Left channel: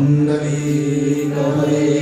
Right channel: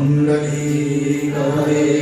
पुंडलीक हरे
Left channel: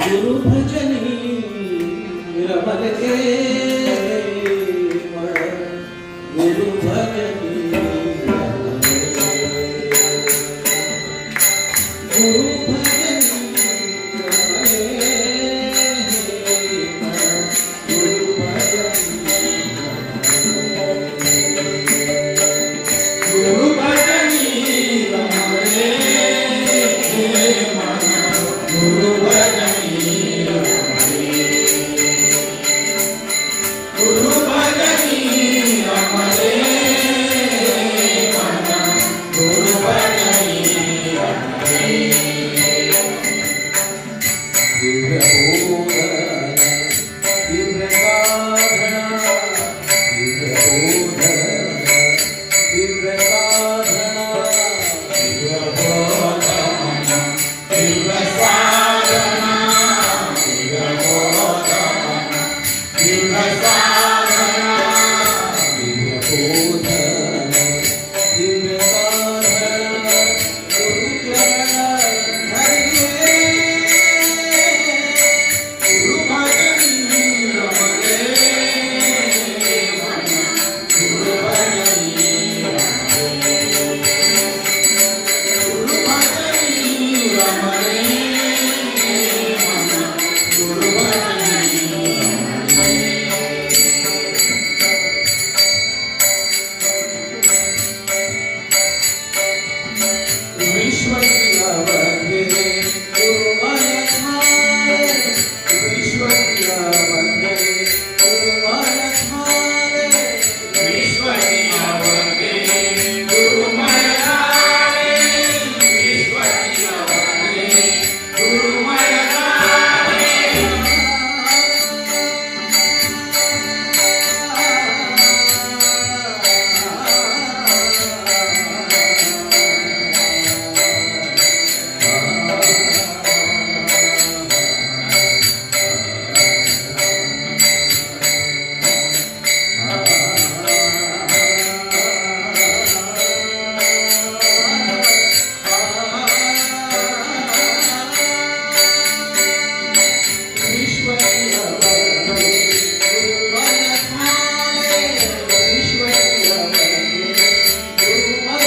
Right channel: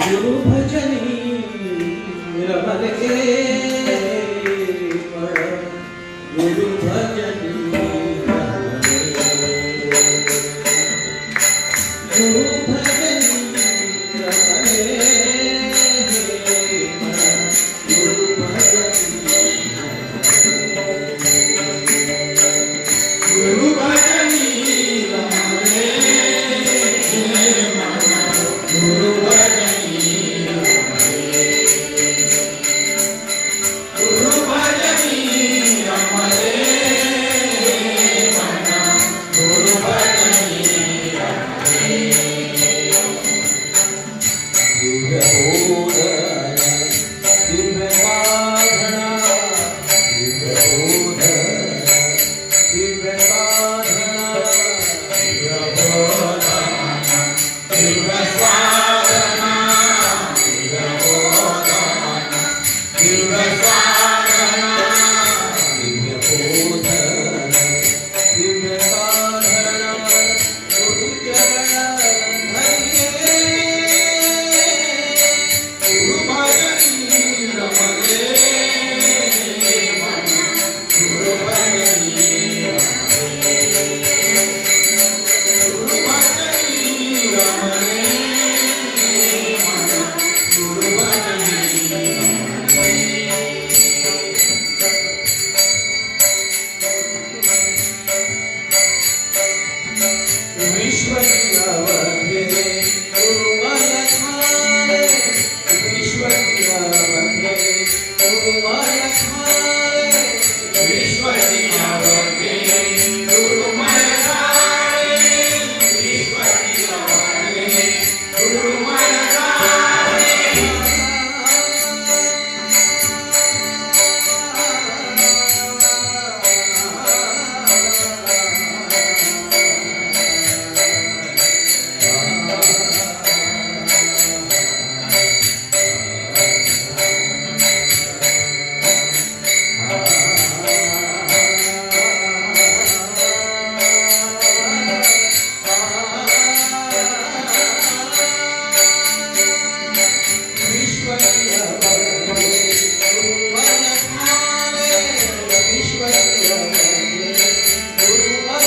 गुरु भजनी रमले गुरु भजनी गुरु भजनी रमले गुरु भजनी गुरु भजनी रमले गुरु भजनी गुरु भजनी रमले गुरु भजनी दिव्य बोधन दिव्य साधना दिव्य बोधन दिव्य साधना दिव्य बोधन दिव्य साधना दिव्य बोधन दिव्य साधना दिव्य बोधन दिव्य साधना गुरु चरण धरिए गुरु भजनी रमले गुरु भजनी गुरु भजनी रमले गुरु भजनी ईश्वरीय वंदे गुरुमय थारे ईश्वरीय वंदे गुरुमय थारे ईश्वरीय वंदे गुरुमय थारे ईश्वरीय वंदे गुरुमय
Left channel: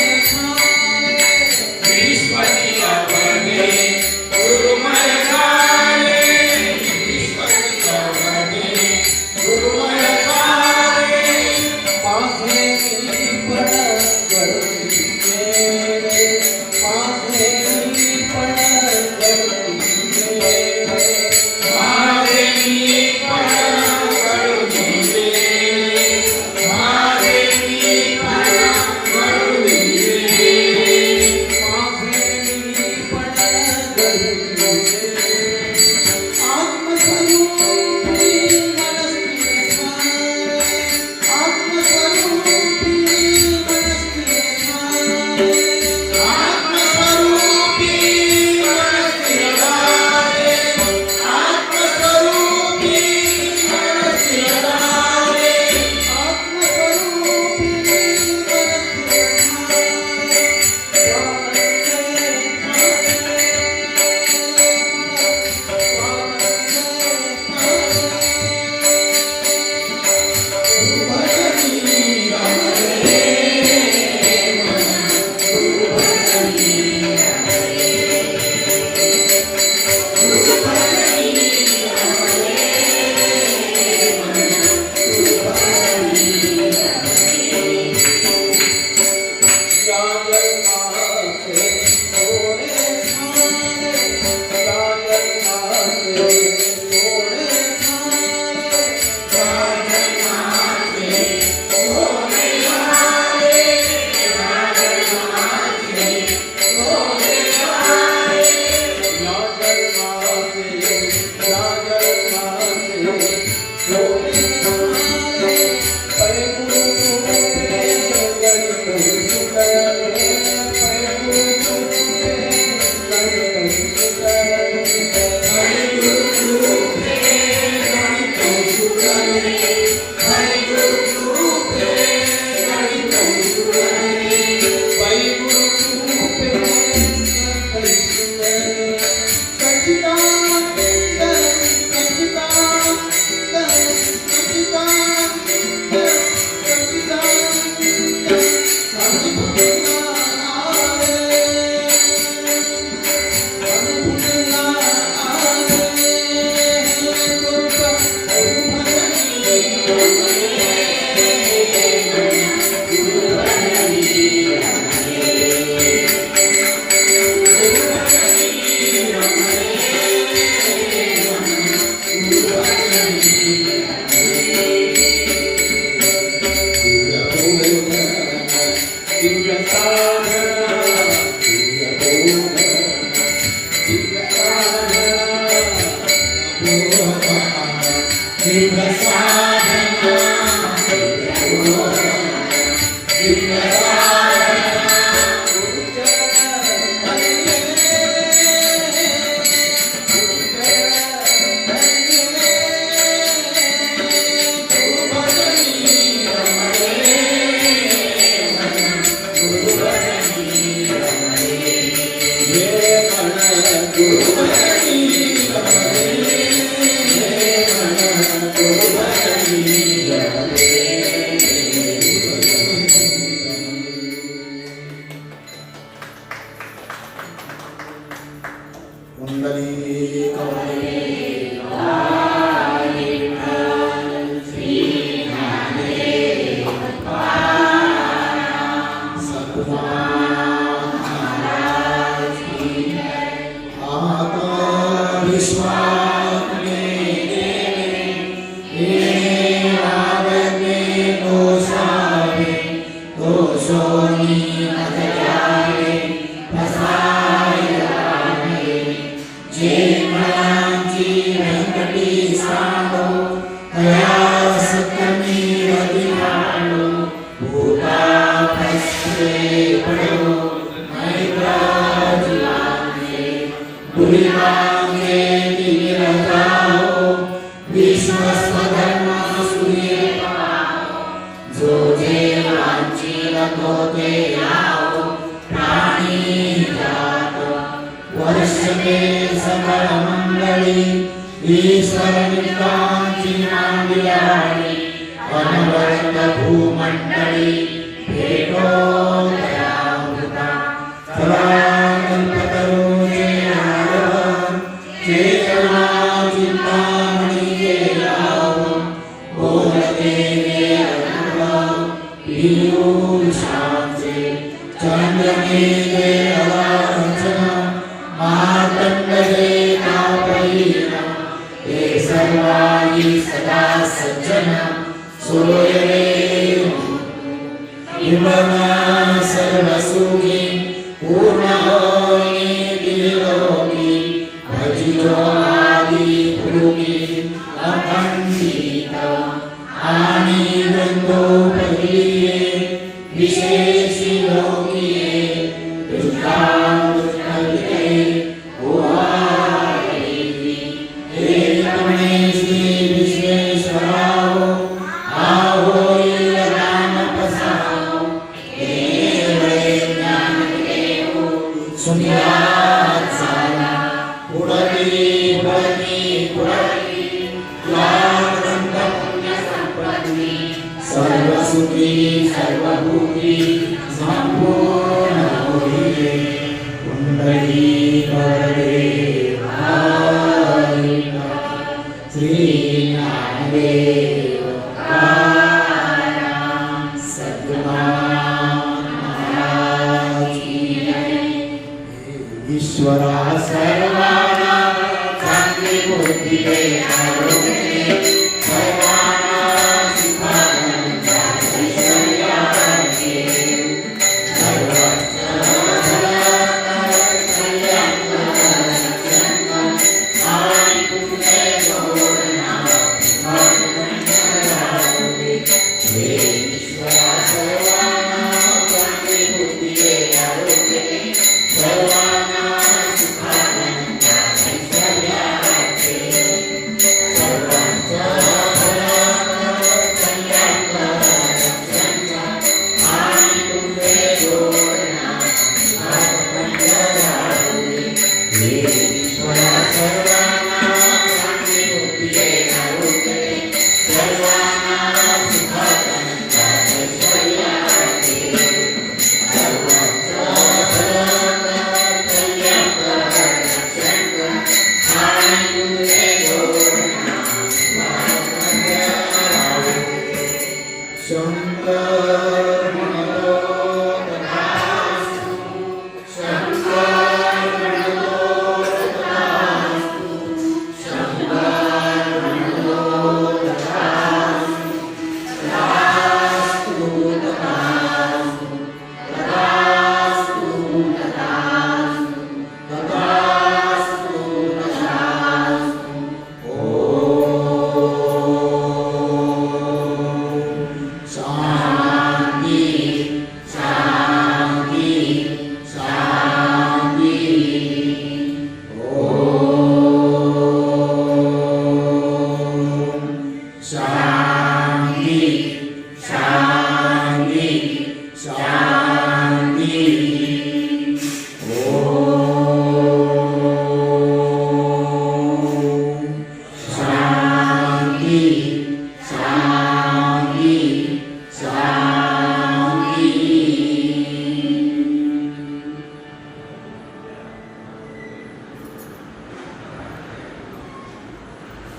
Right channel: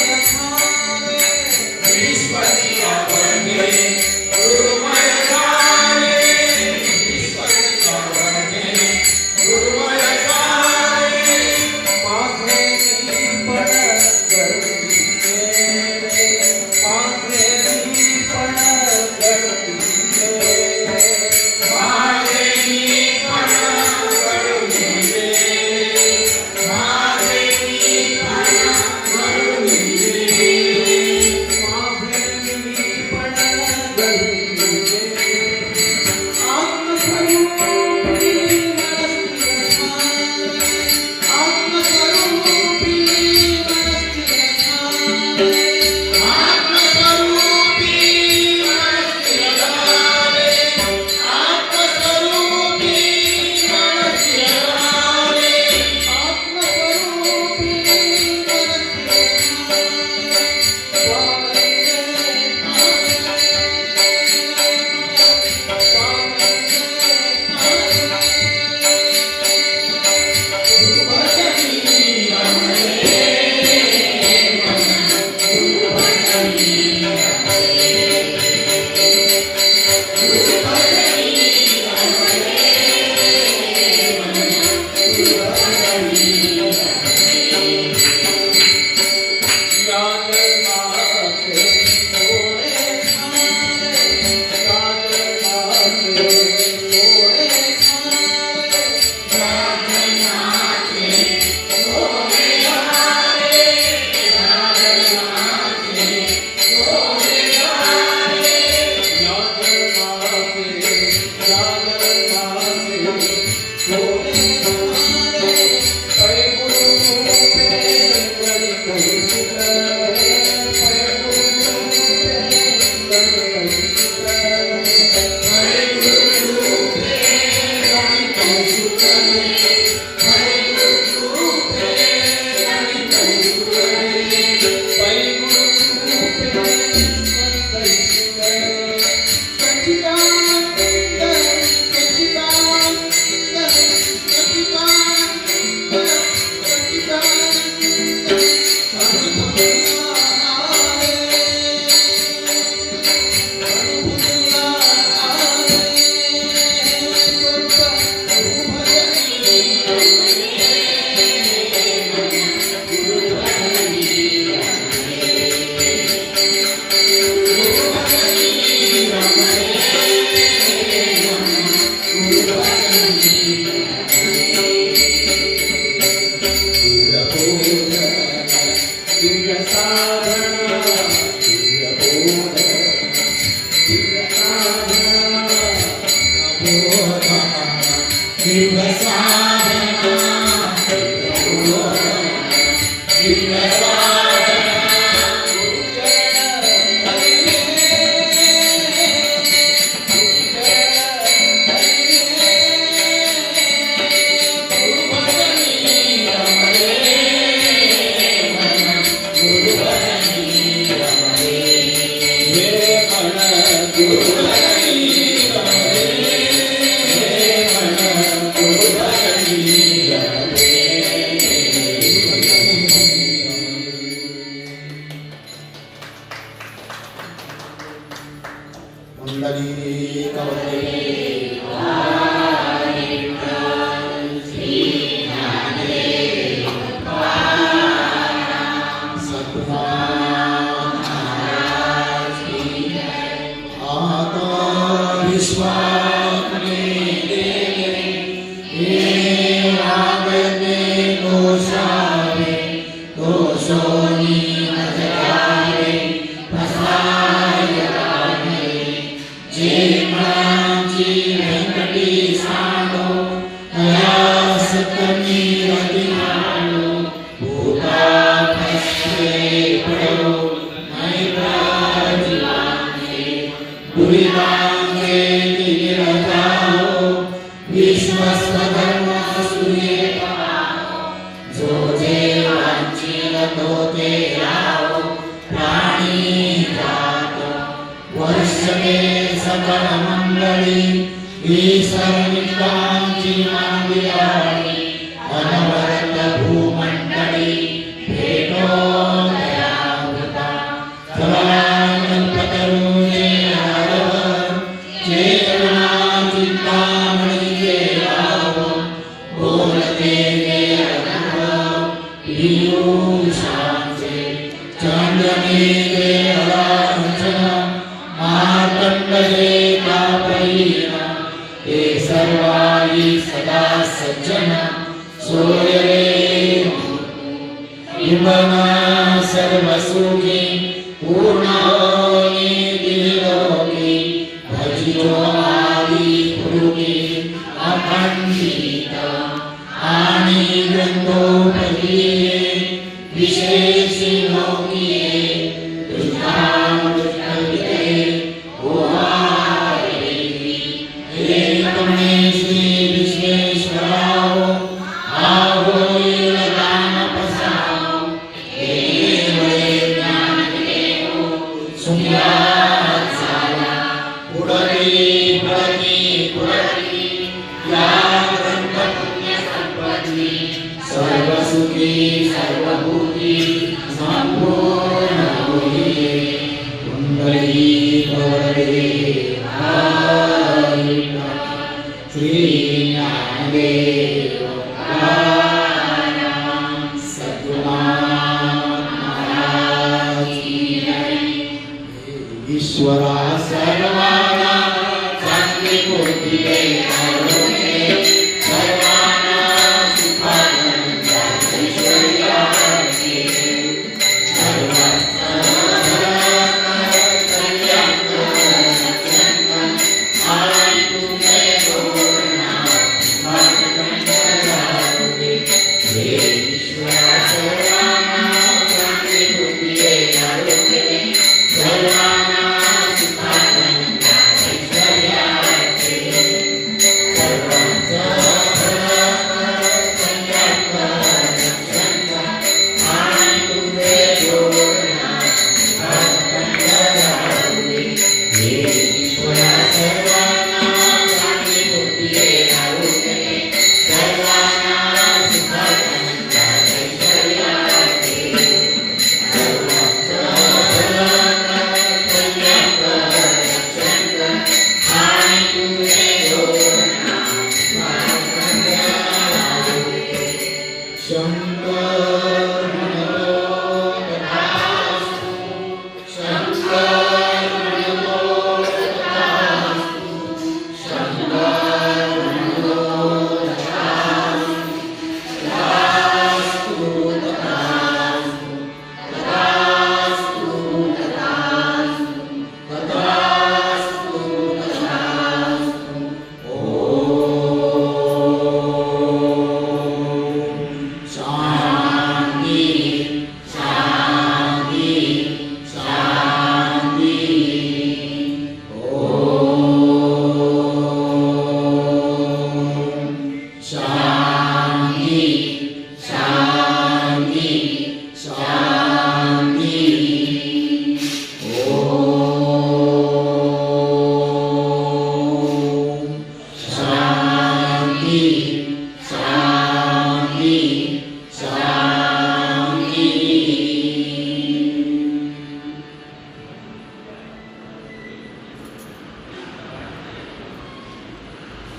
सच्चिदानंद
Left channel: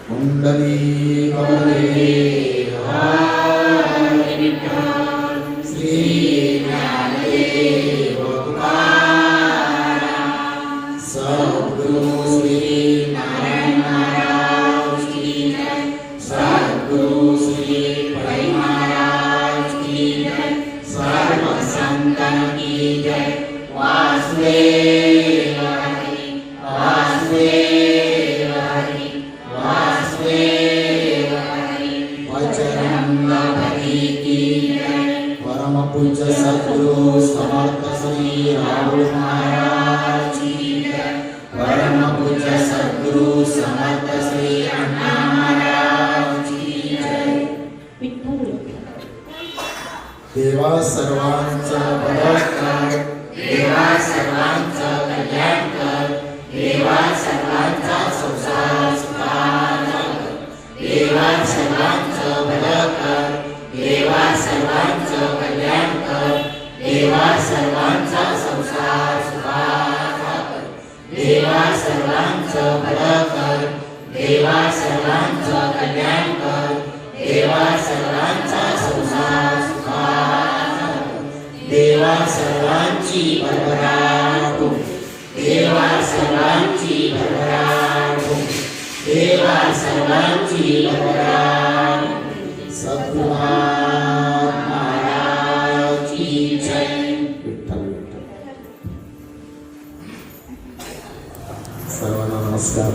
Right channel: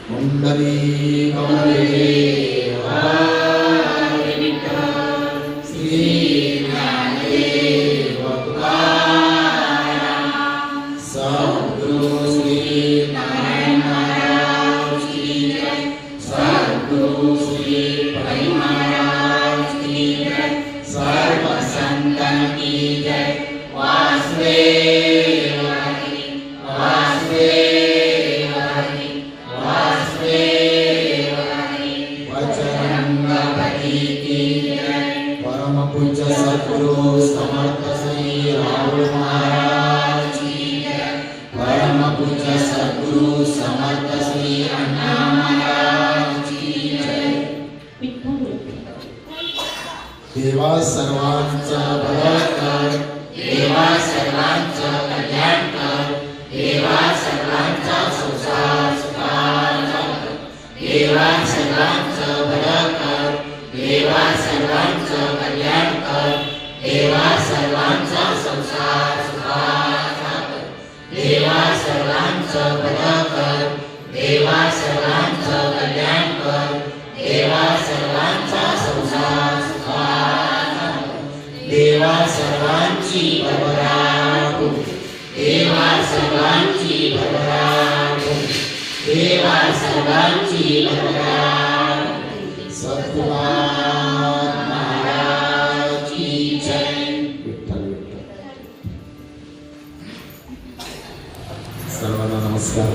कुंडली गौरी हरे विठ्ठल श्री ज्ञानदेव तुकाराम सद्गुरु श्री नारायण महाराज की जय सद्गुरु श्री पै महाराज की जय सर्व संतन की जय वासुदेव हरि वासुदेव हरि वासुदेव हरि बजरंगबली की जय परम पूज्य सद्गुरु समर्थ श्री राहुल महाराज की जय परम पूज्य सद्गुरु समर्थ श्री अण्णा महाराज की जय देवा सर्वांचा भला कर देवा सर्वांचा कल्याण कर देवा सर्वांचा संसार सुखाचा कर देवा सर्वांचं भलं कर देवा सर्वांचं कल्याण कर देवा सर्वांचा संसार सुखाचा कर देवा सर्वांचं भलं कर देवा सर्वांचं कल्याण कर देवा सर्वांचा संसार सुखाचा कर देवा सर्वांची भरभराट देवा सर्वांची भरभराट देवा सर्वांची भरभराट सद्गुरुनाथ महाराज की जय विठ्ठल विठ्ठल सर्वांना नमस्कार.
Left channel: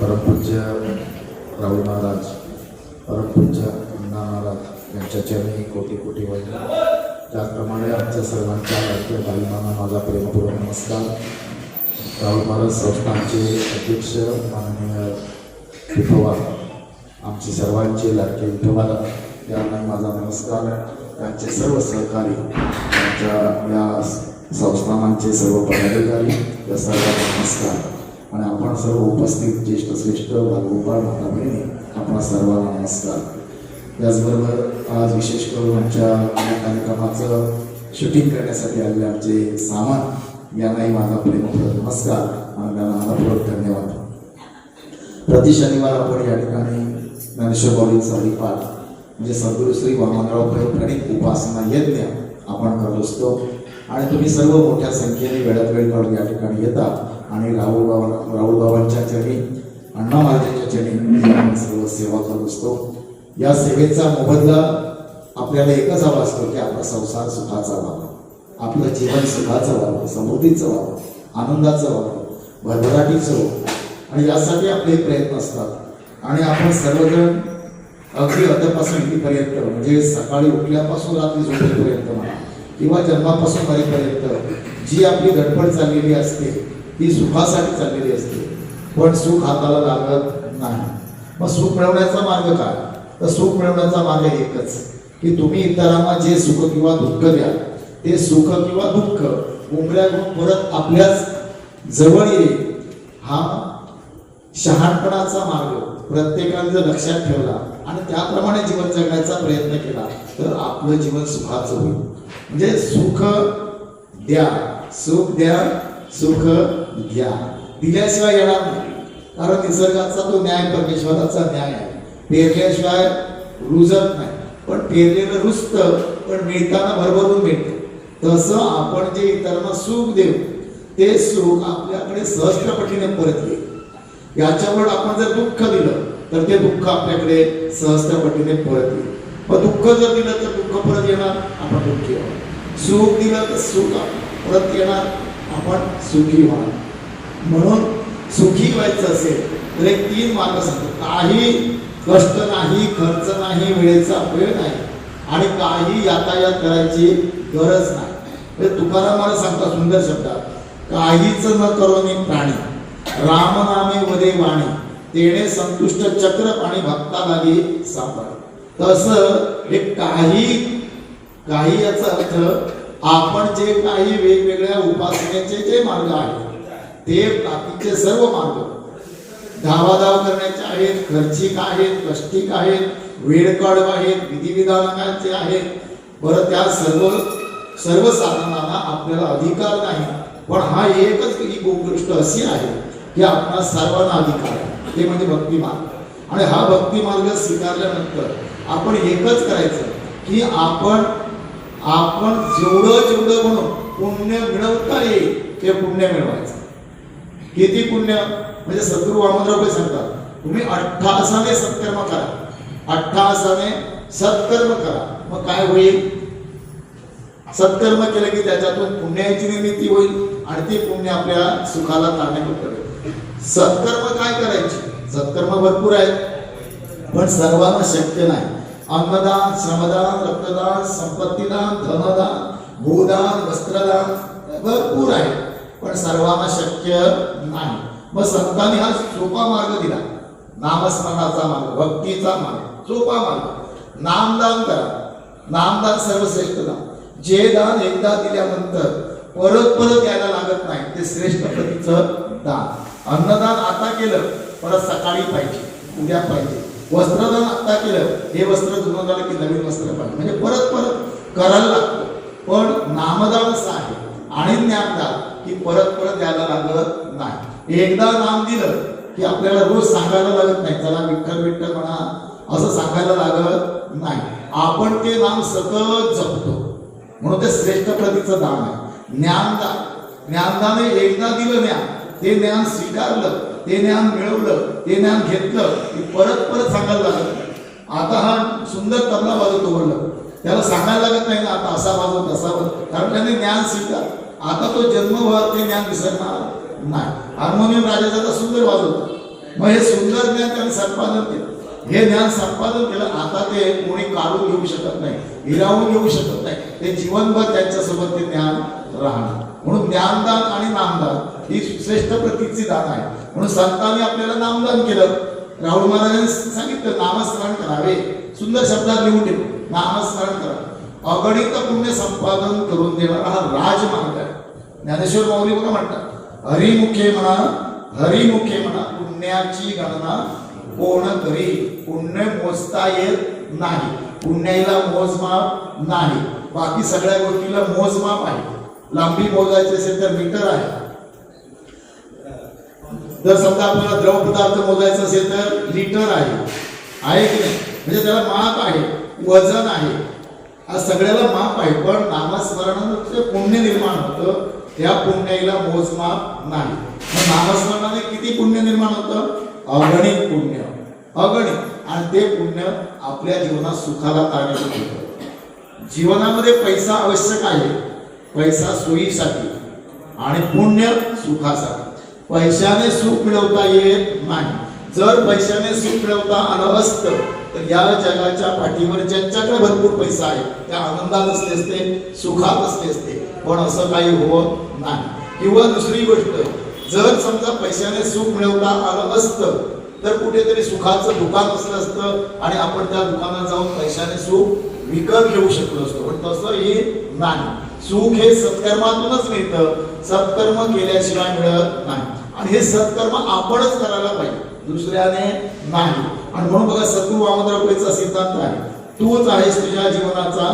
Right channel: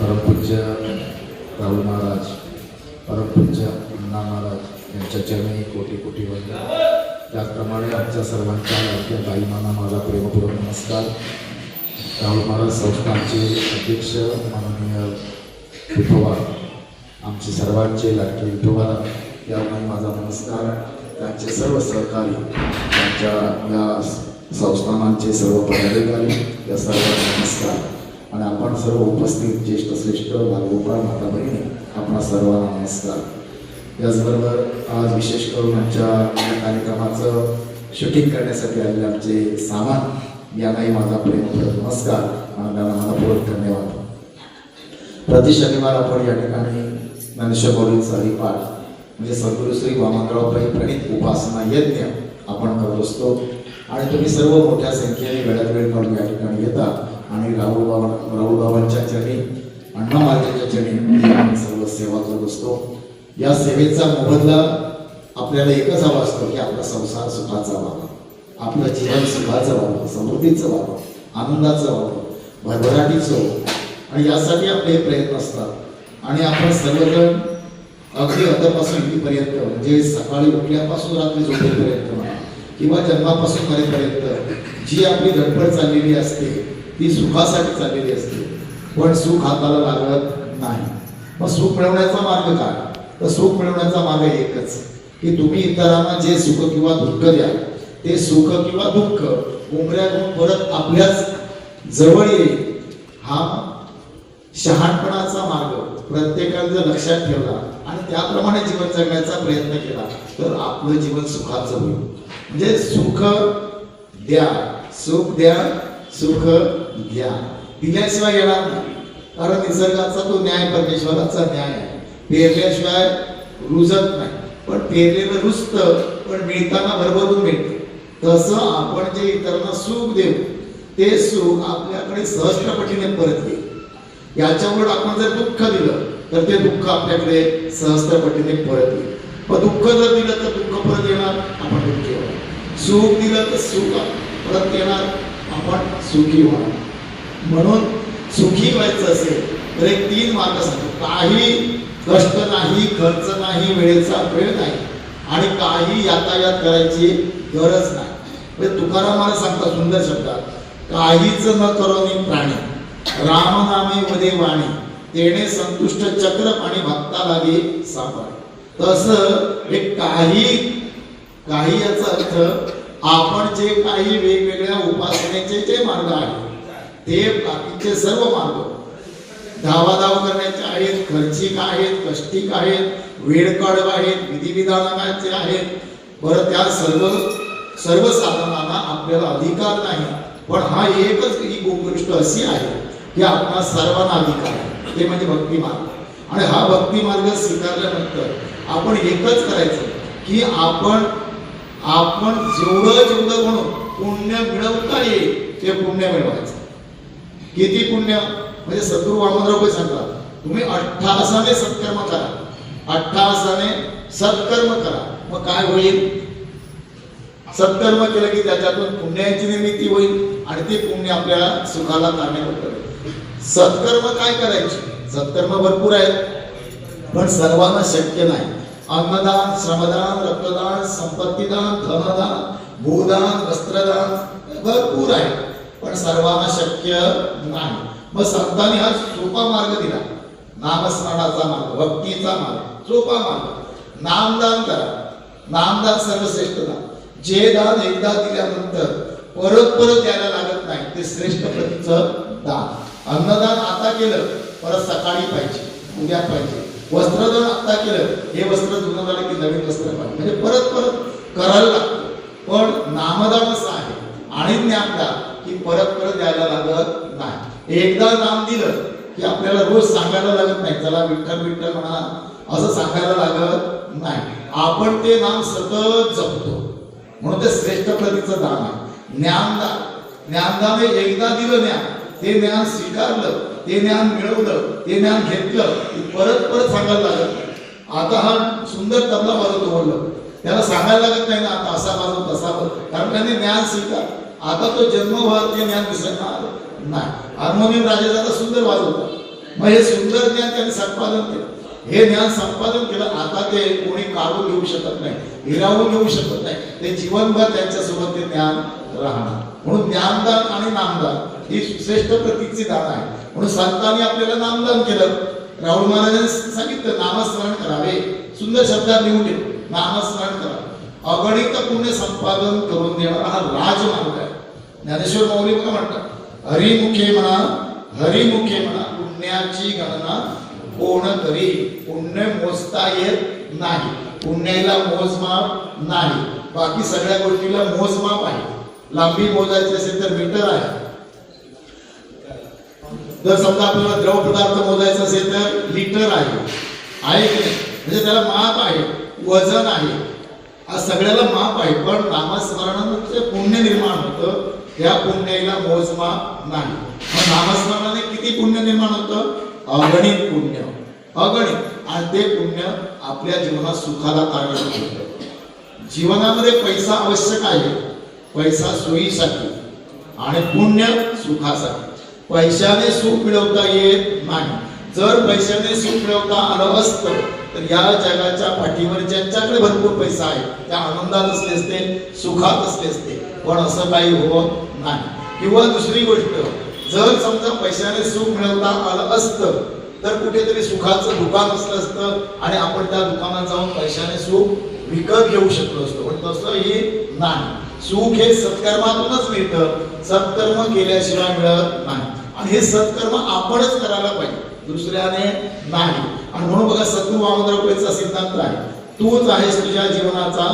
परमपूज्य राहुल महाराज परमपूज्य अण्णा महाराज यांच्या चरणी कोटी कोटी वंदन. त्याचप्रमाणे आमच्या सर्वांच्या लाडक्या बाईमांना माझा प्रेमपूर्वक नमस्कार. राहुल महाराज संस्थानचे अध्यक्ष माननीय विठोबा आमचे सर्वांचे लाडके विठोबा यांना माझा नमस्कार. त्यांचे सर्व सहकारी त्यांच्या या संस्थानांचे सर्व पदाधिकारी या सर्वांना नमस्कार. आणि आपण सर्व उपस्थित ज्येष्ठ श्रेष्ठ बालगोपाळ माता बहिणी आपणा सर्वांना नमस्कार. याचबरोबर आज विशेष करून आमच्या या कार्यक्रमाचं शूटिंग करण्यासाठी आलेले आमचे सामान यांनाही माझा प्रेमपूर्वक नमस्कार आणि त्यांना मनपूर्वक धन्यवाद. प्रति शनिवार आपण या ठिकाणी ज्ञानेश्वर माऊलींचा हरिपाठ म्हणजे सद्गुरू श्री वामनराव पै प्रणित उपासना यज्ञ आपण करत असतो. आणि तुम्ही सर्व मोठ्या संख्येने वेळात वेळ काढून या ठिकाणी येतात आणि राहुल बाबांच्या चरणी अण्णा महाराजांच्या चरणी आम्ही सर्व सेवा करत असतो. या सेवेचा मोबदला आपल्याला एकच हवा असतो की आपला संसार सुखाचा व्हावा, आपलं जीवन सुखाचं व्हावं, समृद्धीचं व्हावं, आनंदाचं व्हावं, भरभराटीचं व्हावं. आणि यासाठी आपले प्रयत्न असतात. आणि आपण सर्वजण अगदी अद्यापासून इथपर्यंत म्हणजे सकाळी उठल्यापासून रात्री झोपेपर्यंत म्हणा किंवा जन्मापासून मरेपर्यंत जी आपली धडपड चाललेली असते ती सुखासाठी चाललेली असते. पण सुख हाताला लागत नाही. मग सुख मिळवण्याचा मार्ग काय? तर सुख मिळवण्याचा मार्ग एकच की तुम्ही इतरांना जे सुख किंवा दुःख द्याल ते सुख किंवा दुःख उमऱ्या घेऊन परत आपल्याच जवळ येईल. हा शहाणपणाचा मार्ग प्रत्येकाने जर लक्षात ठेवला आणि त्याप्रमाणे जीवन जगण्याचा प्रयत्न केला तर आपलं जीवन सुखाचं होईल. म्हणजे सुख द्या, सुख द्या, सुख द्या. दिल्याशिवाय येणार नाही. कारण निसर्गाचा तो न्याय परमेश्वराचा न्याय आहे. पेरल्याशिवाय रुजत नाही, पण पेरलेलं रुजतं, पण मिळताना भरभरून मिळतं. तसं आपण जे इतरांना सुख देऊ ते सुख आपल्याकडे सहस्त्रपटीने परत येईल. याच्यावर आपण जर दुःख दिलं तर ते दुःख आपल्याकडे सहस्त्रपटीने परत येईल. मग दुःख जर दिलं तर दुःख परत येणार, आपण दुःखी होणार. सुख दिलं तर सुख परत येणार, आपण सुखी होणार. म्हणून सुखी व्हायचं असेल तर एक 3 मार्ग सांगतो. काही कष्ट नाही, खर्च नाही, वेळेचा वेळ नाही आणि काही यातायात करायची गरज नाही. म्हणजे तुकाराम मला सांगता सुंदर शब्दात, काहीच न करोनी प्राणी राम नामे वदे वाणी तेणे संतुष्ट चक्र पाणी भक्ता लागे सापड. तसं हे काही याचा अर्थ आपण जे काही वेगवेगळ्या उपासनेचे जे मार्ग आहेत ते बाकीचे सर्व मार्ग धावाधाव करण्याचे आहेत, खर्चिक आहेत, कष्टिक आहेत, वेळकाढ आहेत, विधिविधानाचे आहेत. बरं त्या सर्व साधनांना आपल्याला अधिकार नाही. पण हा एकच ही गोष्ट अशी आहे की आपला सर्वांना अधिकार आहे, ते म्हणजे भक्ती मार्ग. आणि हा भक्ती मार्ग स्वीकारल्यानंतर आपण एकच करायचं की आपण जेवढं म्हणून पुण्य मिळवता येईल ते पुण्य मिळवायचं. किती पुण्य म्हणजे सद्गुरू वामनराव काही सांगतात, तुम्ही 88 सत्कर्म करा, 88 सत्कर्म करा. मग काय होईल? सत्कर्म केलं की त्याच्यातून पुण्याची निर्मिती होईल आणि ते पुण्य आपल्या सुखाला कारणीभूत ठरेल. सत्कर्म काय करायचे? सत्कर्म भरपूर आहेत पण सर्वांना शक्य नाही. अन्नदान, श्रमदान, रक्तदान, संपत्तीदान, धनदान, भूदान, वस्त्रदान भरपूर आहे पण सर्वांना शक्य नाही. मग संतांनी हा सोपा मार्ग दिला, नामस्मरणाचा मार्ग, भक्तीचा मार्ग, सोपा मार्ग. नामदान करा. नामदान सर्वश्रेष्ठ दान. जे दान एकदा दिल्यानंतर परत द्यायला लागत नाही ते श्रेष्ठ प्रतीचं दान. अन्नदान आता केलं परत सकाळी पाहिजे, उद्या पाहिजे. वस्त्रदान आता केलं, हे वस्त्र जुनं झालं की नवीन वस्त्र पाहिजे, म्हणजे परत करायला लागतं. पण नामदान असं आहे आणि ज्ञानदान की परत द्यायला लागत नाही. एकदा नाम दिलं की आपल्याला रोज सांगायला लागत नाही, चला विठ्ठल विठ्ठल म्हणा असं सांगायला लागत नाही. आपण ते नाम सतत जपतो म्हणून ते श्रेष्ठ प्रतीचं दान आहे. ज्ञानदान एकदा दिलं ज्ञान, ते ज्ञान स्वीकारलं, ते ज्ञान मिळवलं, ते ज्ञान घेतलं की परत सांगायला लागत नाही. आता हा सुंदर तबला वाजवतो बोललं, त्याला सांगायला लागत नाही ना आता असा वाजव तसा वाजव, कारण त्याने ज्ञान स्वीकार. आता तो जन्मभर ते ज्ञान विसरणार नाही. हार्मोनियम राजाचा सुंदर वाजवतो, मग हे सुंदर ज्ञान त्यांनी संपादन केलं, हे ज्ञान संपादन केलं. आता ते कोणी काढून घेऊ शकत नाही, हिरावून घेऊ शकत नाही, ते जीवनभर त्यांच्यासोबत ते ज्ञान राहणार. म्हणून ज्ञानदान आणि नामदान ही श्रेष्ठ प्रतीची दान आहे. म्हणून संतांनी आपल्याला नामदान केलं. राहुल महाराजांनी सांगितलं नामस्मरण करावे, सुंदर शब्दात लिहून ठेव, नामस्मरण करा. अगणित पुण्य संपादन करून देणारा हा राजमार्ग आहे. ज्ञानेश्वर माऊली बघा म्हणतात, हरिमुखे म्हणा पुण्याची गणना कोण करी. पुण्य मोजता येत नाही, पुण्याला मोजमाप नाही. बाकी सगळ्या गोष्टीला मोजमाप आहे. लांबी मोजायची असेल तर मीटर आहे. जर समजा आपल्याला द्रव पदार्थ मोजायचा असेल तर लिटर आहे की नाही, म्हणजे त्याला माप आहे, वजन आहे, आज सगळ्याला माप आहे. पण नामस्मरणाने पुण्य निर्माण होतं, त्या पुण्याला मोजमाप नाही. मग नामस्मरणाने किती पुण्य निर्माण होतं? अगणित पुण्य, अगणित. आणि ते पुण्य आपल्या जीवनात सुखाला कारणीभूत होतं. जीवनामध्ये पैसा आवश्यक आहे, पैसा सोयीसाठी आणि पुण्य सुखासाठी. पैशाने सुख मिळवता येत नाही. जर पैशाने सुख मिळवता आलं असतं तर या जगाच्या पाठीवर ज्यांच्याकडे भरपूर पैसा आहे त्या आनंदात असले असते, सुखात असले असते, पण असं काही होत नाही. किंवा दुसरी गोष्ट, जर समजा पैशाने सुख मिळवता आलं असतं तर कुठेतरी सुखाचं दुकान असलं असतं आणि आपण त्या दुकानात जाऊन पैशाने सुख विकत घेऊ शकलो असतो, पण तसं हे नाही. सुख हे सत्कर्मातूनच मिळतं, सत्कर्म केल्याशिवाय मिळत नाही. आणि हे सत्कर्म आपणच करायला पाहिजे, दुसऱ्याने नाही. आणि म्हणून बघा सद्गुरू वामनराव सिद्धांत आहे, तूच आहेस तुझ्या जीवनाचा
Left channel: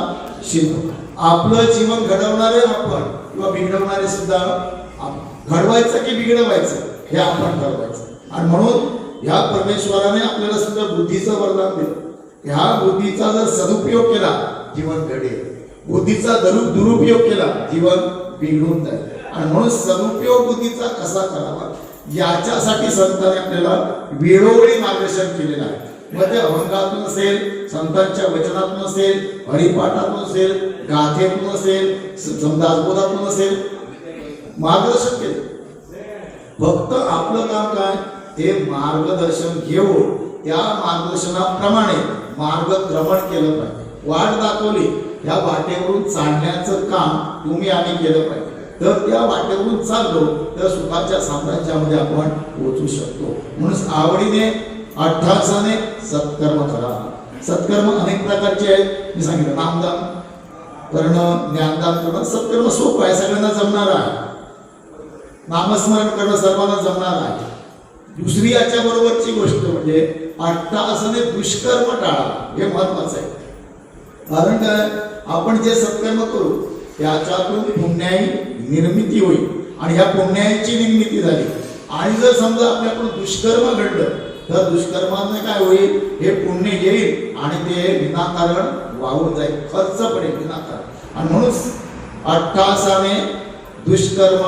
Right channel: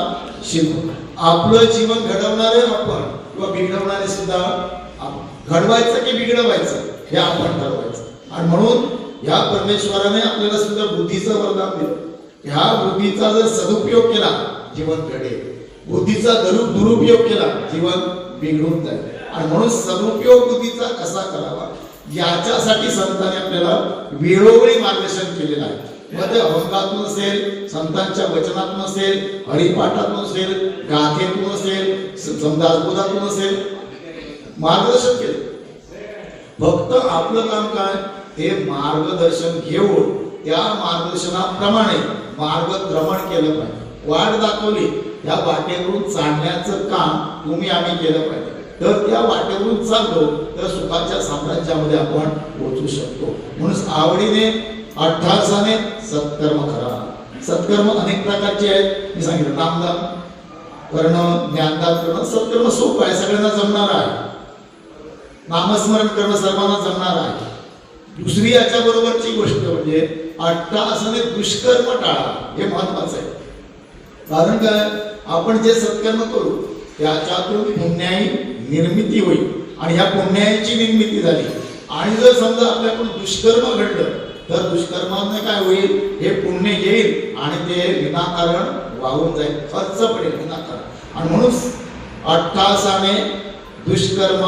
शिल्प. आपलं जीवन घडवणारे आपण किंवा बिघडवणारे सुद्धा आपण. घडवायचं की बिघडवायचं हे आपण ठरवायचं. आणि म्हणून ह्या परमेश्वराने आपल्याला सुद्धा बुद्धीचं वरदान दिलं. ह्या बुद्धीचा जर सदुपयोग केला जीवन घडेल, बुद्धीचा दुरुपयोग केला जीवन बिघडून जाईल. आणि म्हणून सदुपयोग बुद्धीचा कसा करावा याच्यासाठी संतांनी आपल्याला वेळोवेळी मार्गदर्शन केलेलं आहे. मग ते अभंगातून असेल, संतांच्या वचनातून असेल, हरिपाठातून असेल, गाथेतून असेल, संदासबोधातून असेल, मार्गदर्शन केलं. फक्त आपलं काम काय, ते मार्गदर्शन घेऊन त्या मार्गदर्शनाप्रमाणे मार्गक्रमण केलं पाहिजे. वाट दाखवली, या वाटेवरून चालण्याचं काम तुम्ही आम्ही केलं पाहिजे. तर त्या वाटेवरून चाललो तर सुखाच्या साम्राज्यामध्ये आपण पोहोचू शकतो. म्हणून आवडीने अठ्ठासाने सत्कर्म करा. सत्कर्म अनेक प्रकारचे आहेत, मी सांगितलं नामदान करणं, ज्ञानदान करणं. सत्कर्म सोपं आहे, सगळ्यांना जमणार आहे. नामस्मरण करणं सर्वांना जमणार आहे. दुसरी याच्या बरोबरची गोष्ट म्हणजे अट्टाहासाने दुष्कर्म टाळा, हे महत्वाचं आहे. कारण काय, आपण जे सत्कर्म करू त्याच्यातून पुण्याई निर्मिती होईल आणि ह्या पुण्याची निर्मिती झाली आणि जर समजा आपल्याकडून दुष्कर्म घडलं तर दुष्कर्माने काय होईल, हे पुण्य येईल आणि ते विनाकारण वाहून जाईल, खर्च पडेल विनाकारण. आणि म्हणून अट्टासाने दुष्कर्म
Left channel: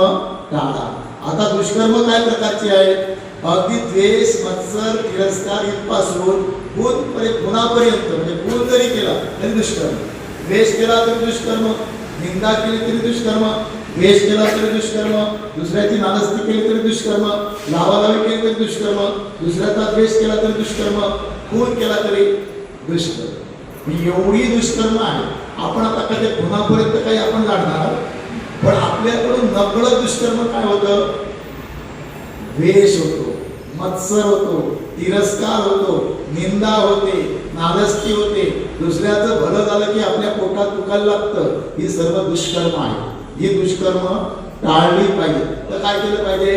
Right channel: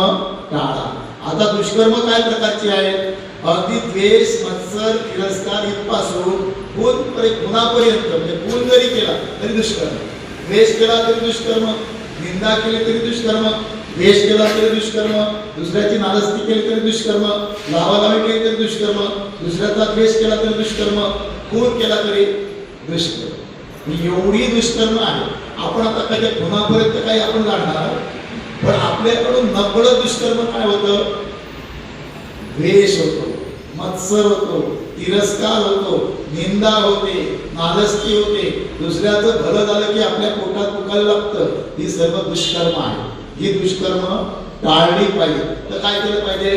टाळा. आता दुष्कर्म काय प्रकारची आहेत, अगदी द्वेष, मत्सर, तिरस्कार इथपासून गुणापर्यंत, म्हणजे गुण जरी केला तरी दुष्कर्म, द्वेष केला तरी दुष्कर्म, निंदा केली तरी दुष्कर्म, द्वेष केला तरी दुष्कर्म, दुसऱ्याची नालस्ती केली तरी दुष्कर्म, लावालावी केली तरी दुष्कर्म, दुसऱ्याचा द्वेष केला तरी दुष्कर्म, खून केला तरी दुष्कर्म. एवढी दुष्कर्म आहे. आपण आता कधी गुणापर्यंत काही आपण जाणणार, पण आपल्याकडून नकळत दुष्कर्म काय होतं, द्वेष होतो, मत्सर होतो, तिरस्कार होतो, निंदा होते, नालस्ती होते, दुसऱ्याचं भलं झालं की आपल्या पोटात दुखायला लागतं. ही सर्व दुष्कर्म आहे. ही दुष्कर्म टाळली पाहिजे. तर काय केलं पाहिजे,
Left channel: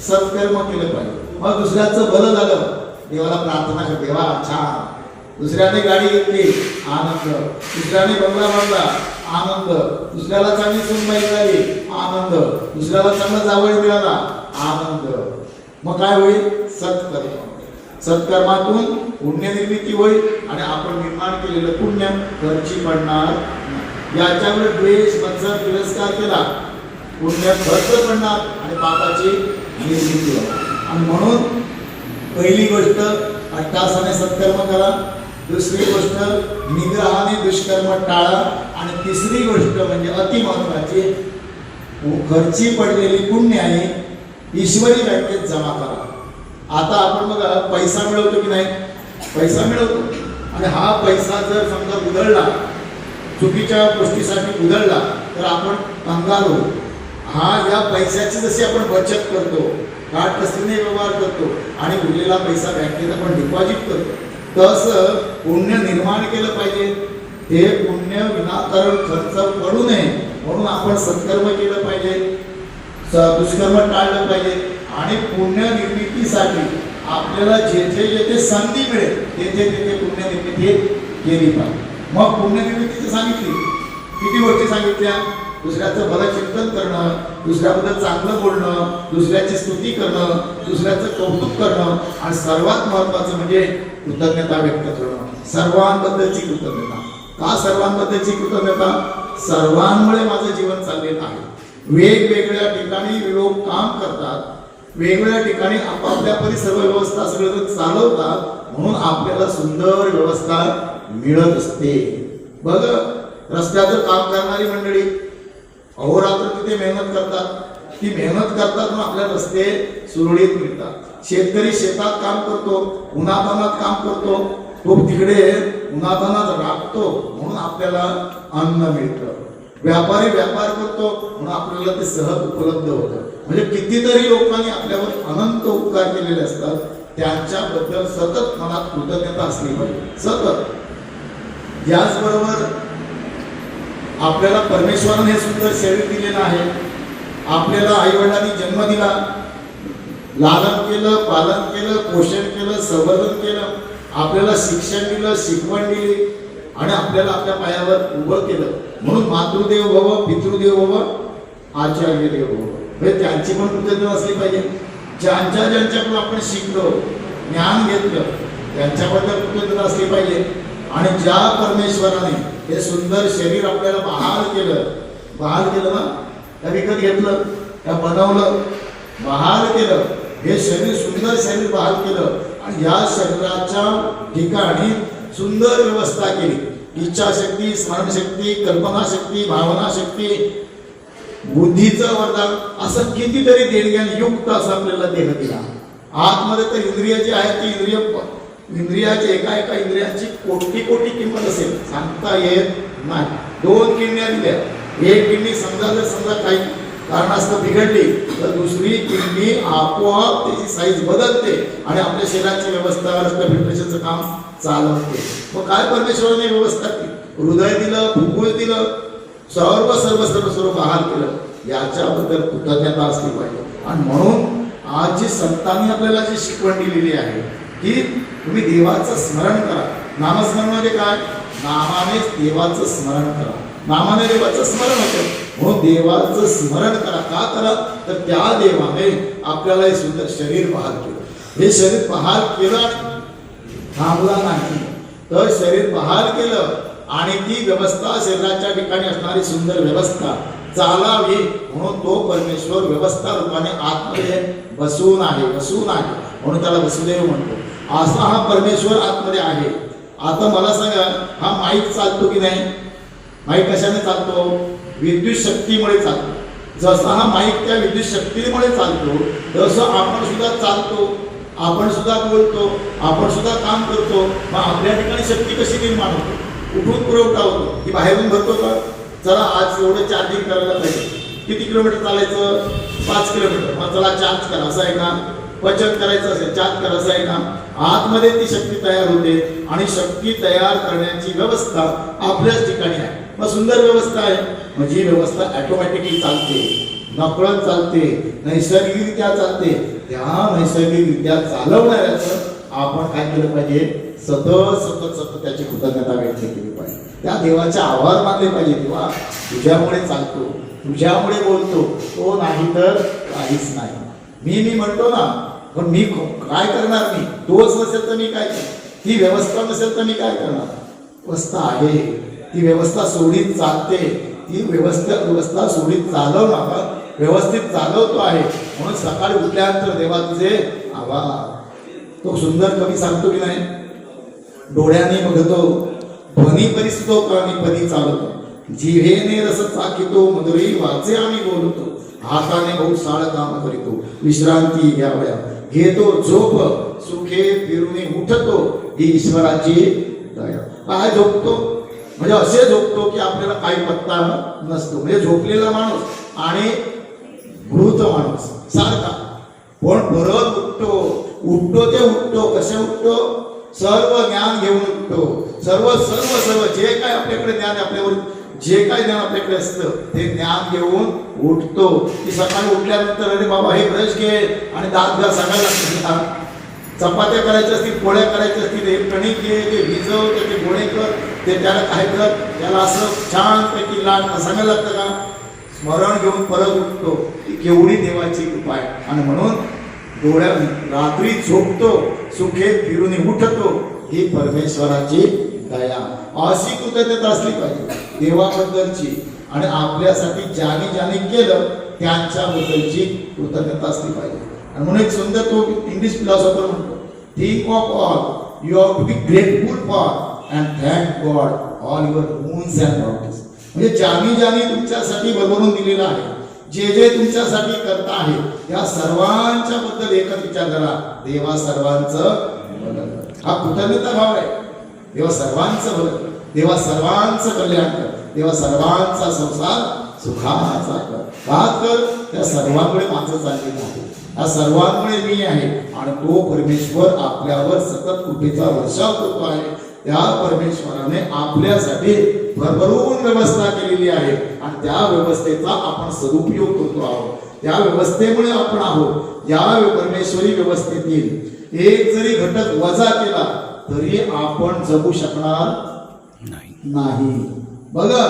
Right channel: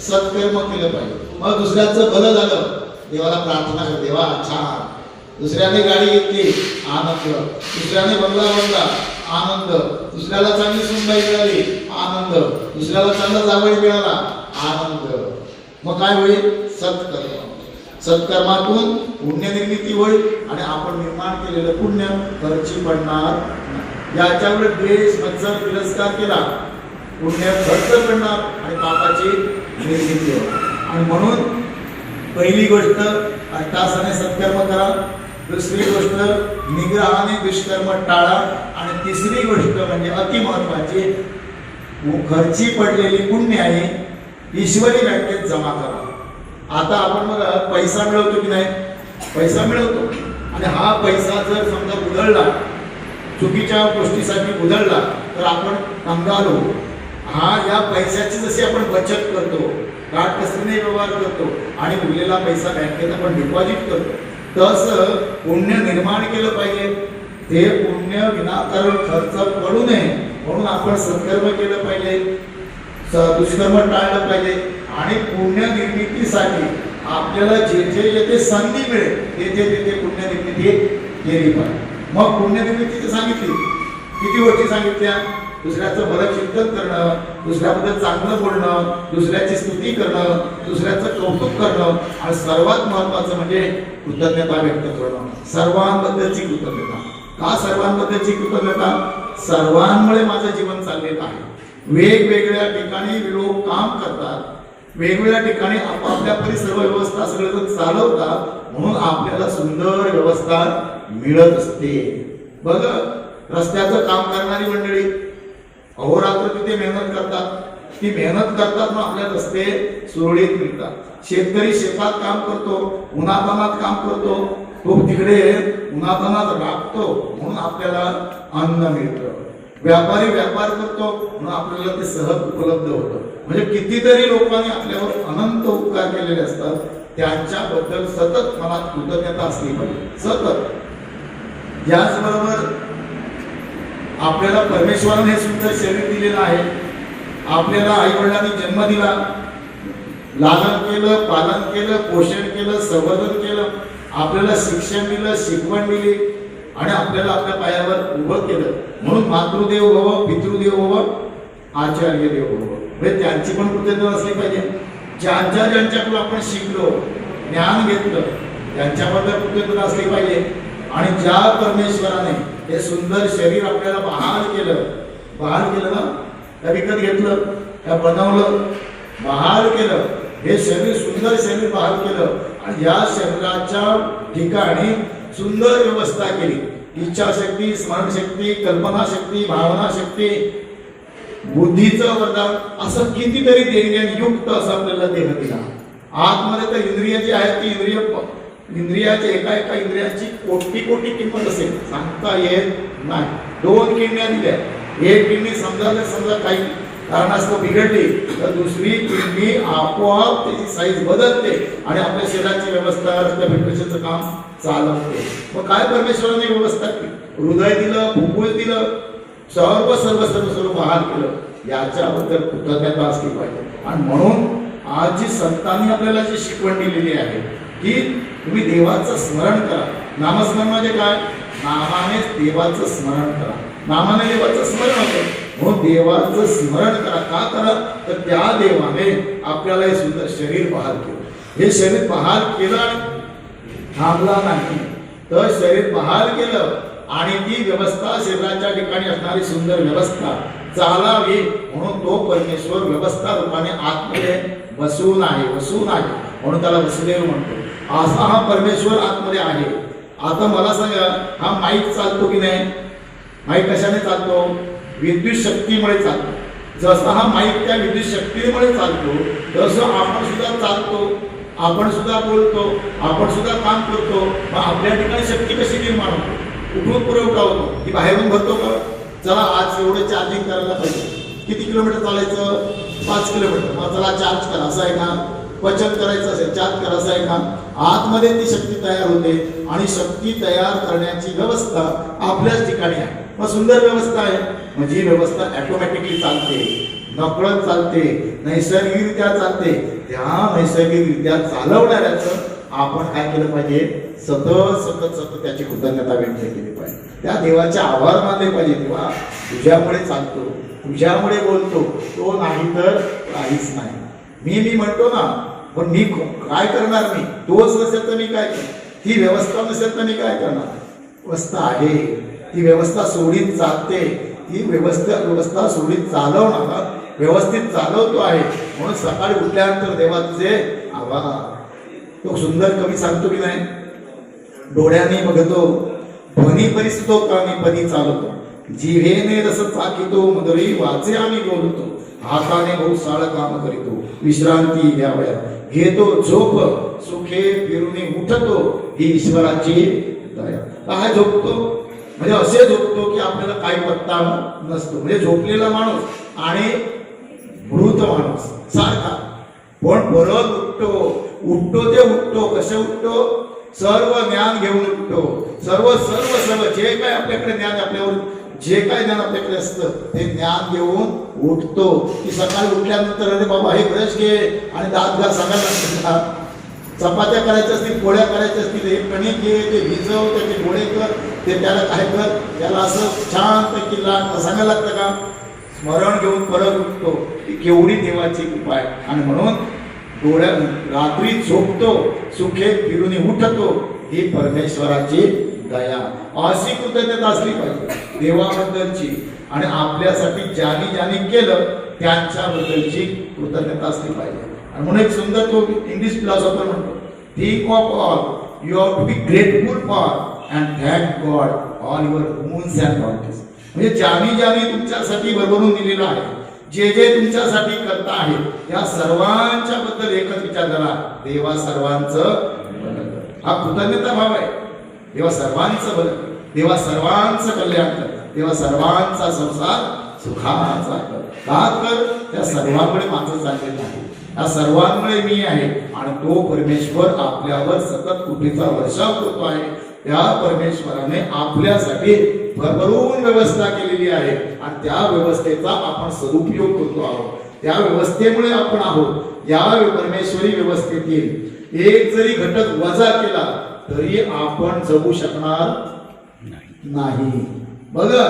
सत्कर्म केलं पाहिजे. मग दुसऱ्याचं भलं झालं, देवाला प्रार्थना कर, देवा छान, दुसऱ्याने गाडी घेतली आनंद, दुसऱ्याने बंगला बांधला आनंद, दुसऱ्याला चांगली सुनबाई मिळाली आनंद, दुसऱ्याला चांगला जावई मिळाला आनंद. मग काय होईल, सत्कर्म. सत्कर्मातून पुण्य निर्मिती होईल आणि आपण निर्माण केलेलं पुण्य खर्ची पडणार नाही. याच्यामुळे द्वेष, मत्सर, तिरस्कार केला, पुण्य खर्च पडणार आणि पापाची निर्मिती होणार. आणि म्हणून पहिली गोष्ट अट्टासाने सत्कर्म करा, दुसरी गोष्ट निग्रहाने दुष्कर्म टाळा, आणि तिसरी गोष्ट म्हणजे अति महत्वाची, खर्ची पडलेली पुण्य आहे ईश्वरी बँकेत जमा करा. आता आपण बघा पैसा मिळवतो की नाही, पैसा मिळवतो, आणि हा पैसा जर समजा उधळला, चुकीच्या गोष्टीसाठी उधळला तर आपण कंगाल होऊ. हा या पैशाची जशी आपण बचत करतो, काटकसरीने व्यवहार करतो आणि उरलेला पैसा बँकेत आपण डिपॉझिट करतो, तसं पुण्य निर्माण केलं पाहिजे. ते पुण्य विनाकारण खर्च पडू नये म्हणून आपण सत्कर्म केलं पाहिजे, दुष्कर्म टाळलं पाहिजे. आणि पुण्य निर्मितीसाठी आपल्याला जेथे जेथे संधी मिळेल तेथे तेथे पुण्य निर्मिती केली पाहिजे. मग पुण्य निर्मितीची सांगितली, किती गोष्टी सांगितल्या, दुसऱ्याचं भलं चिंतन करणं, दुसऱ्याबद्दल चांगलं बोलणं, दुसऱ्याची स्तुती करणं, दुसऱ्याचं कौतुक करणं, आणि सर्वात महत्वाचं म्हणजे कृतज्ञता व्यक्त करणं, सर्वांबद्दलची कृतज्ञता. का सर्वांबद्दलची कृतज्ञता, सर्वांमुळे माझं जीवन चाललेलं आहे. वेगवेगळ्या ठिकाणी लोक काम करतात, वेगवेगळ्या ठिकाणी आपापल्या सर्व व्यवस्था सगळं चालवतात, म्हणून आपल्याला सुंदर व्यवस्था मिळत असते. बघ, रस्त्याचं काम करणारी मंडळी अहोरात्र तिथे मेहनत करतात, ती मेहनत करतात म्हणून आपल्याला रस्ते सुरळीत मिळतात. शेतकरी शेतात काम करतो, उन्हातानात काम करतो, तो तिकडे उन्हातानात राबतो म्हणून आपल्याला अन्न मिळतं. व्यापारी व्यापार करतो म्हणून आपल्याला ते सहज उपलब्ध होतं. म्हणजे कितीतरी लोकांनी आपल्यावर अनंत उपकार केलेले असतात, त्यांच्याबद्दल सतत मनात कृतज्ञता असली पाहिजे, सतत. याचबरोबर आपल्याला परमेश्वराने हे सुंदर शरीर दिलेलं आहे. आपल्याला आई वडिलांनी जन्म दिला, लालन केलं, पालन केलं, पोषण केलं, संवर्धन केलं, आपल्याला शिक्षण दिलं, शिकवण दिली, आणि आपल्याला आपल्या पायावर उभं केलं. म्हणून मातृदेव भव, पितृदेव भव, आचार्य देव भव, म्हणजे त्यांची पण कृतज्ञता असली पाहिजे. ज्यांच्याकडून आपण शिकलो, ज्ञान घेतलं, त्यांच्याबद्दल कृतज्ञता असली पाहिजे. आणि ज्या परमेश्वराने हे सुंदर शरीर आपल्याला बहाल केलं ना, त्या विकत घेतलं, त्या बनवलं, बहाल केलं, हे शरीर सुंदर शरीर बहाल केलं, आणि या शरीराच्या ठिकाणी सुंदर व्यवस्था केली. इच्छाशक्ती, स्मरणशक्ती, कल्पनाशक्ती, भावनाशक्ती, बुद्धीचं वरदान, असं कितीतरी देणग्यान युक्त असं आपल्याला देह दिला. आतमध्ये तर इंद्रिय जी आहेत ती इंद्रियाची एका इंद्रियांची कोटी कोटी किंमत असेल, सांगता येत नाही. 2 किडण्या दिल्या, एक किडनी समजा काही कारणास्तव बिघडली तर दुसरी किडनी आपोआप त्याची साईज बदलते आणि आपल्या शरीराची व्यवस्था, रक्तभिसरणाचं काम चालवते. मग काय परमेश्वराने व्यवस्था केली, हृदय दिलं, फुफ्फुस दिलं, सर्व बहाल केलं. याच्याबद्दल कृतज्ञता असली पाहिजे. आणि म्हणून आज जी संतांनी आपल्याला जी शिकवण दिलेली आहे की तुम्ही देवाचं स्मरण करा. नामस्मरण म्हणजे काय, नामानेच देवाचं स्मरण करा, नामाने देवाचं स्मरण होतं. म्हणून देवाचं स्मरण करा. का करा तर त्या देवाने आपल्याला हे सुंदर शरीर बहाल केलं. हे शरीर बहाल केलं आणि थांबला नाही, तर शरीर बहाल केलं आणि ती व्यवस्था शरीराच्या ठिकाणी असणारी सुंदर व्यवस्था चालावी म्हणून तो परमेश्वर व्यवस्था रूपाने आतमध्ये बसून आहे म्हणून त्याला वसुदेव म्हणतो. असा हा परमेश्वर आतमध्ये आहे. आता मला सांगा, हा माईक चालतो की नाही? माईक कशाने चालतो? विद्युत शक्तीमुळे चालतो. जसा हा माईक त्या विद्युत शक्तीमुळे चालतो, तसं आपण सुद्धा चालतो, आपण सुद्धा बोलतो, आपण सुद्धा काम करतो. मग आपल्या ठिकाणी शक्ती कशी निर्माण होतो? कुठून पुरवठा होतो? ती बाहेरून भरतो का? चला आज एवढं चार्जिंग करायला पाहिजे, किती किलोमीटर चालायचं? 5 किलोमीटर. मग चला चार्ज करा, असं आहे का? बचत करायचं असेल, चार्ज करा, असं आहे का? आतमध्ये ती शक्ती तयार होते आणि शक्ती तयार करण्याची व्यवस्था आपल्याच ठिकाणी आहे. मग सुंदर व्यवस्था आहे. म्हणजे ही व्यवस्था ऑटोमॅटिकली चालते, नकळत चालते, नैसर्गिकरित्या चालते. त्या नैसर्गिकरित्या चालवणाऱ्याचं आपण काय केलं पाहिजे? सतत त्याची कृतज्ञता व्यक्त केली पाहिजे. त्या देवाचे आभार मानले पाहिजे. देवा तुझ्यामुळे चालतो, तुझ्यामुळे बोलतो, तो नाही तर काहीच नाही. मी म्हणतो ना, पण मी काय करणार? मी तोच नसेल तर मी काय करणार? ती व्यवस्था नसेल तर मी काय करणार? व्यवस्था आहे, ती व्यवस्था सोडीत चालते, ती व्यवस्था सोडीत चालवणारा व्यवस्थित चालवतो आहे. म्हणून सकाळी उठल्यानंतर देवा तुझे आभार. तो सुंदर कवी सांगतो की नाही? डोळ्याने बघतो ध्वनी परिस्थितो कामी पदी चालतो, जिव्हेने रस चाकितो मधुरी वाचे आम्ही बोलतो, हाताने बहुसाळ काम करीतो, विश्रांती घ्यावया घेतो झोप, सुखे फिरूनी उठतो, ही ईश्वराची दया. काय झोपतो? म्हणजे असे झोपतो की आपल्याला काही पत्ता नसतो. म्हणजे झोपलेला माणूस आणि मृत माणूस सारखा. पण परत उठतो ते उठतो. कसे उठतो? सर्व ज्ञान घेऊन उठतो. सर्व जे काय आपल्याकडे ज्ञान, आपल्यावर जे काय ज्ञान आपल्याकडे असतं ते ज्ञान घेऊन उठतो. की सकाळी उठल्यानंतर अरे बाबा हे ब्रश घे आणि दात घास सांगायला लागतं. चपात्या करायच्या असतील, पोळ्या करायच्या असतील, हे कणिक घे, ते भिजव, त्याचे गोळे कर, ते त्याला काय कर, त्याला असं छानपैकी लाट सांगायला लागतं का? स्मरण घेऊन परत उठतो. ही केवढी देवाची कृपा आहे. आणि म्हणून डोळ्या रात्री झोपतो, सुखे फिरून उठतो, ही परमेश्वराची दया. अशी कृतज्ञता असली पाहिजे देवाबद्दलची. आणि आपल्यासाठी ज्याने केलं त्यांच्याबद्दलची कृतज्ञता असली पाहिजे. आणि म्हणून एक सुंदर तो इंग्लिश फिलॉसॉफर म्हणतो, think of all you have to be grateful for and thank God all your wounds and bodies. म्हणजे ज्याने तुमच्यासाठी भरभरून दिलेलं आहे, जे तुमच्यासाठी करता आहे, या सर्वांच्या बद्दल एकच विचार करा, देवा सर्वांचं हा कृतज्ञता भाव आहे. देवा सर्वांचं भलं कर, देवा सर्वांचं कल्याण कर, देवा सर्वांचा संसार सुखाचा कर. का कर? त्या सर्वांकडे माझं चाललेलं आहे, या सर्वांमुळे मी आहे. आणि तो परमेश्वर आपल्यावर सतत कृपेचा वर्षाव करतो आहे. त्या परमेश्वराने आपल्यासाठी भरभरून व्यवस्था केलेली आहे आणि त्या व्यवस्थेचा आपण सदुपयोग करतो आहोत. त्या व्यवस्थेमुळे आपण आहोत. या परमेश्वरी व्यवस्थेतील एक जरी घटक वजा केला तरी आपण जगू शकणार नाही. बघा,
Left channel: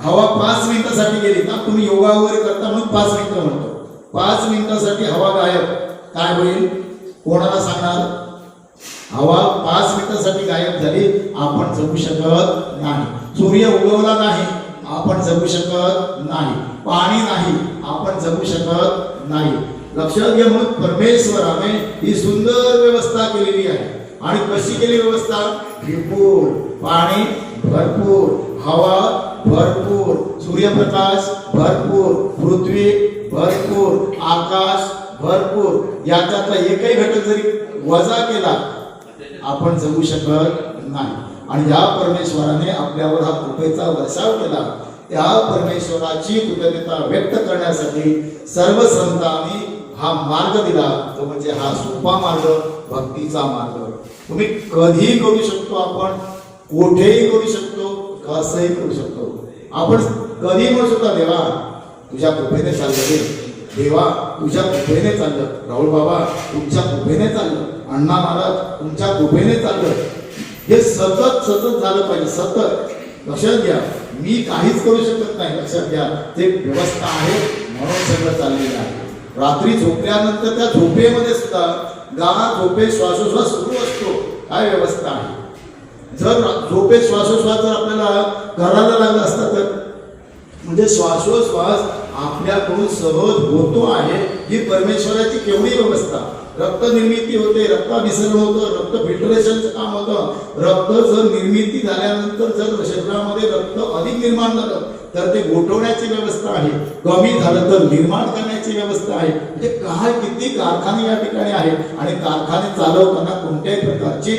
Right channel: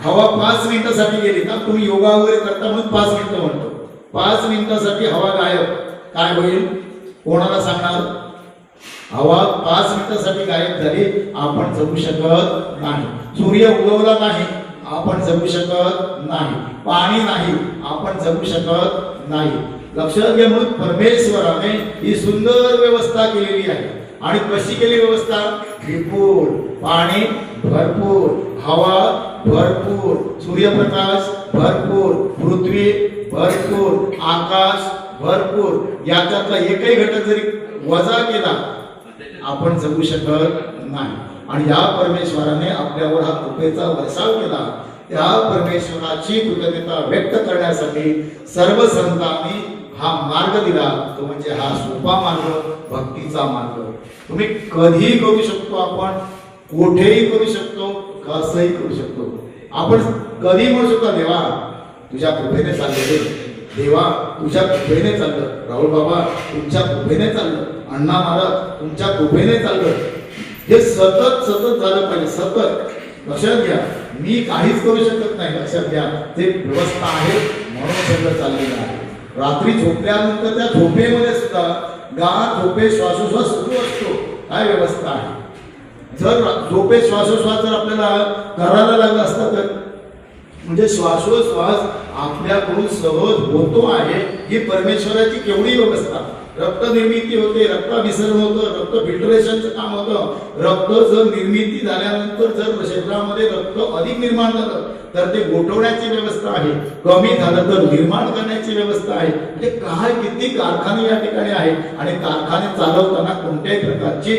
हवा 5 मिनिटासाठी गेली ना, तुम्ही योगा वगैरे करता म्हणून 5 मिनिटं म्हणतो. 5 मिनिटासाठी हवा गायब, काय होईल? कोणाला सांगणार? हवा 5 मिनिटासाठी गायब झाली, आपण जगू शकत नाही. सूर्य उगवला नाही, आपण जगू शकत नाही. पाणी नाही, आपण जगू शकत नाही. लक्षात घ्या, म्हणून परमेश्वराने ही सुंदर व्यवस्था केलेली आहे. आणि कशी केली व्यवस्था? विपुल पाणी, भरपूर हवा, भरपूर सूर्यप्रकाश, भरपूर पृथ्वी, भरपूर आकाश, भरपूर. याच्यातला एकही घटक जरी वजा केला आपण जगू शकत नाही. आणि या परमेश्वराने आपल्यावर हा कृपेचा वर्षाव केला. त्या परमेश्वराची कृतज्ञता व्यक्त करण्यासाठी सर्व संतांनी हा मार्ग दिला, तो म्हणजे हा सोपा मार्ग, भक्तीचा मार्ग. तुम्ही कधीही करू शकतो, आपण कुठेही करू शकतो, कसंही करू शकतो. आपण कधी म्हणू शकतो, देवा तुझ्या कृपेने चाललं, देवा तुझ्या कृपेने चाललं, राहुल बाबा तुमच्या कृपेने चाललं, अण्णा महाराज तुमच्या कृपेने चाललं. हे सतत झालं पाहिजे. सतत लक्षात घ्या, मी काहीच करू शकत नाही. लक्षात घ्या, ते व्यवस्था आहे म्हणून सगळं चाललेलं आहे. रात्री झोपल्यानंतर त्या झोपेमध्ये सुद्धा झोपे श्वासोश्वास सुरू असतो. काय व्यवस्था आहे? जर झोपे श्वासोश्वास जर आपल्याला करायला लागला असता तर म्हणजे श्वासोश्वास आपल्याकडून सहज होतो आहे, ही परमेश्वराची केवढी व्यवस्था. रक्त निर्मिती होते, रक्ताभिसरण होतं, रक्त फिल्टरेशनचं काम होतं. रक्त जर निर्मिती झाल्यानंतर जर शरीरामध्ये रक्त अधिक निर्माण झालं तर ते गोठवण्याची व्यवस्था आहे, कमी झालं तर निर्माण करण्याची व्यवस्था आहे. म्हणजे काय किती कारखाने या ठिकाणी आहेत आणि कारखाने चालवताना कोणत्याही प्रकारची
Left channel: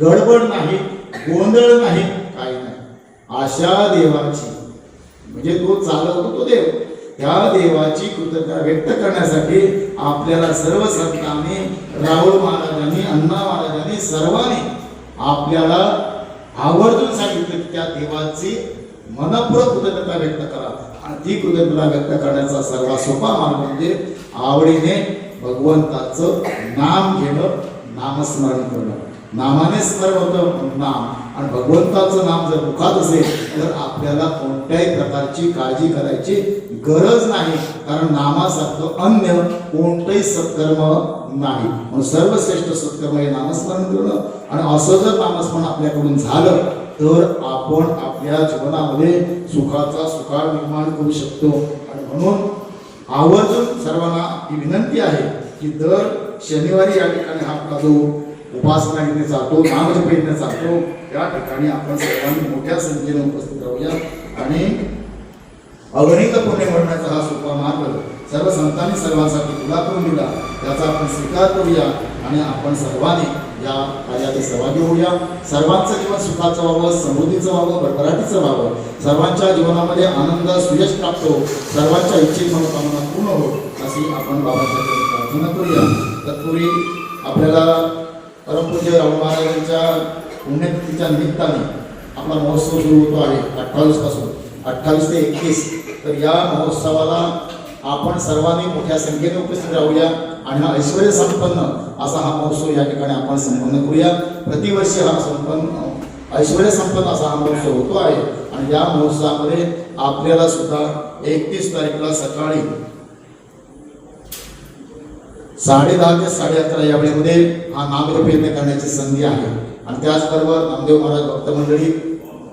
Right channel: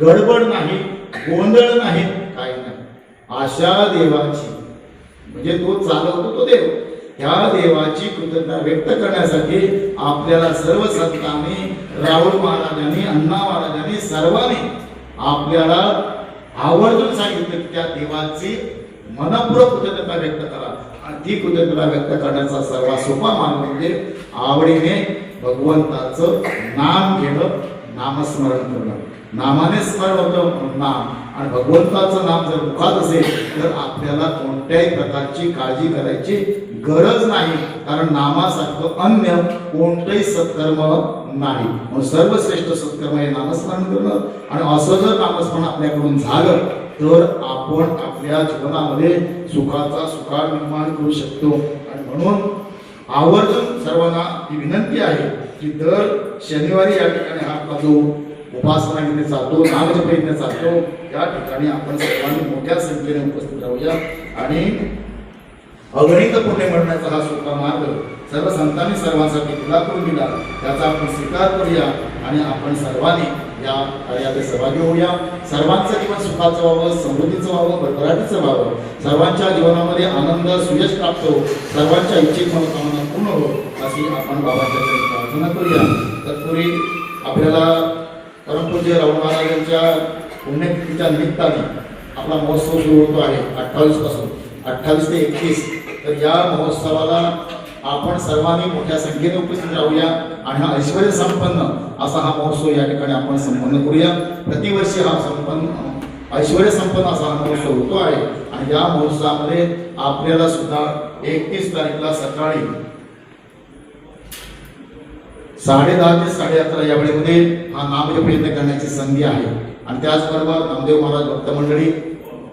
गडबड नाही, गोंधळ नाही, काही नाही. अशा देवाची म्हणजे तो चालवतो तो देव, ह्या देवाची कृतज्ञता व्यक्त करण्यासाठी आपल्याला सर्व संतांनी, राहुल महाराजांनी, अण्णा महाराजांनी सर्वांनी आपल्याला आवर्जून सांगितलं की त्या देवाची मनपूर्वक कृतज्ञता व्यक्त करा. आणि ती कृतज्ञता व्यक्त करण्याचा सर्वात सोपा मार्ग म्हणजे आवडीने भगवंताचं नाम घेणं, नामस्मरण करणं. नामाने स्मरण होतं नाम, आणि भगवंताचं नाम जर मुखात असेल तर आपल्याला कोणत्याही प्रकारची काळजी करायची गरज नाही, कारण नामासारखं अन्य कोणतंही सत्कर्म नाही. म्हणून सर्वश्रेष्ठ सत्कर्म हे नामस्मरण करणं. आणि असं जर नामस्मरण आपल्याकडून झालं तर आपण आपल्या जीवनामध्ये सुखाचा सुकाळ निर्माण करू शकतो. आणि म्हणून आवर्जून सर्वांना ही विनंती आहे की दर शनिवारी या ठिकाणी हा आपला जो उपासना इथे चालतो, नामजप इथे चालतो, या ठिकाणी आपण सर्वांनी मोठ्या संख्येने उपस्थित राहूया आणि अगणित पुण्य मिळण्याचा हा सोपा मार्ग सर्व संतांनी सर्वांसाठी खुला करून दिला, त्याचा आपण स्वीकार करूया आणि आपण सर्वांनी या कार्यात सहभागी होऊया. सर्वांचं जीवन सुखाचं व्हावं, समृद्धीचं व्हावं, भरभराटीचं व्हावं, सर्वांच्या जीवनामध्ये आनंद सुयश प्राप्त हो, सर्वांच्या इच्छित मनोकामना पूर्ण हो, अशी आपण बाबाच्या प्रार्थना करूया. तत्पूर्वी आपल्याला परमपूज्य राहुल महाराजांच्या पुण्यतिथीच्या निमित्ताने आपला महोत्सव सुरू होतो आहे 28 पासून 28 ते 31. तर या महोत्सवाला आपण सर्वांनी मोठ्या संख्येने उपस्थित राहूया आणि हा ऐश्वर्य संपन्न असा हा महोत्सव या ठिकाणी आपण संपन्न करूया. प्रतिवर्षी हा ऐश्वर्य संपन्न असा हा महोत्सव होतो आहे. आणि या महोत्सवामध्ये आपल्याला सुद्धा 31 तारीखला सकाळी 10:30 ते 11:30 या वेळेमध्ये हा नामजप यज्ञ करण्याची संधी आहे. आणि त्याचबरोबर नामदेव महाराज भक्त मंडळी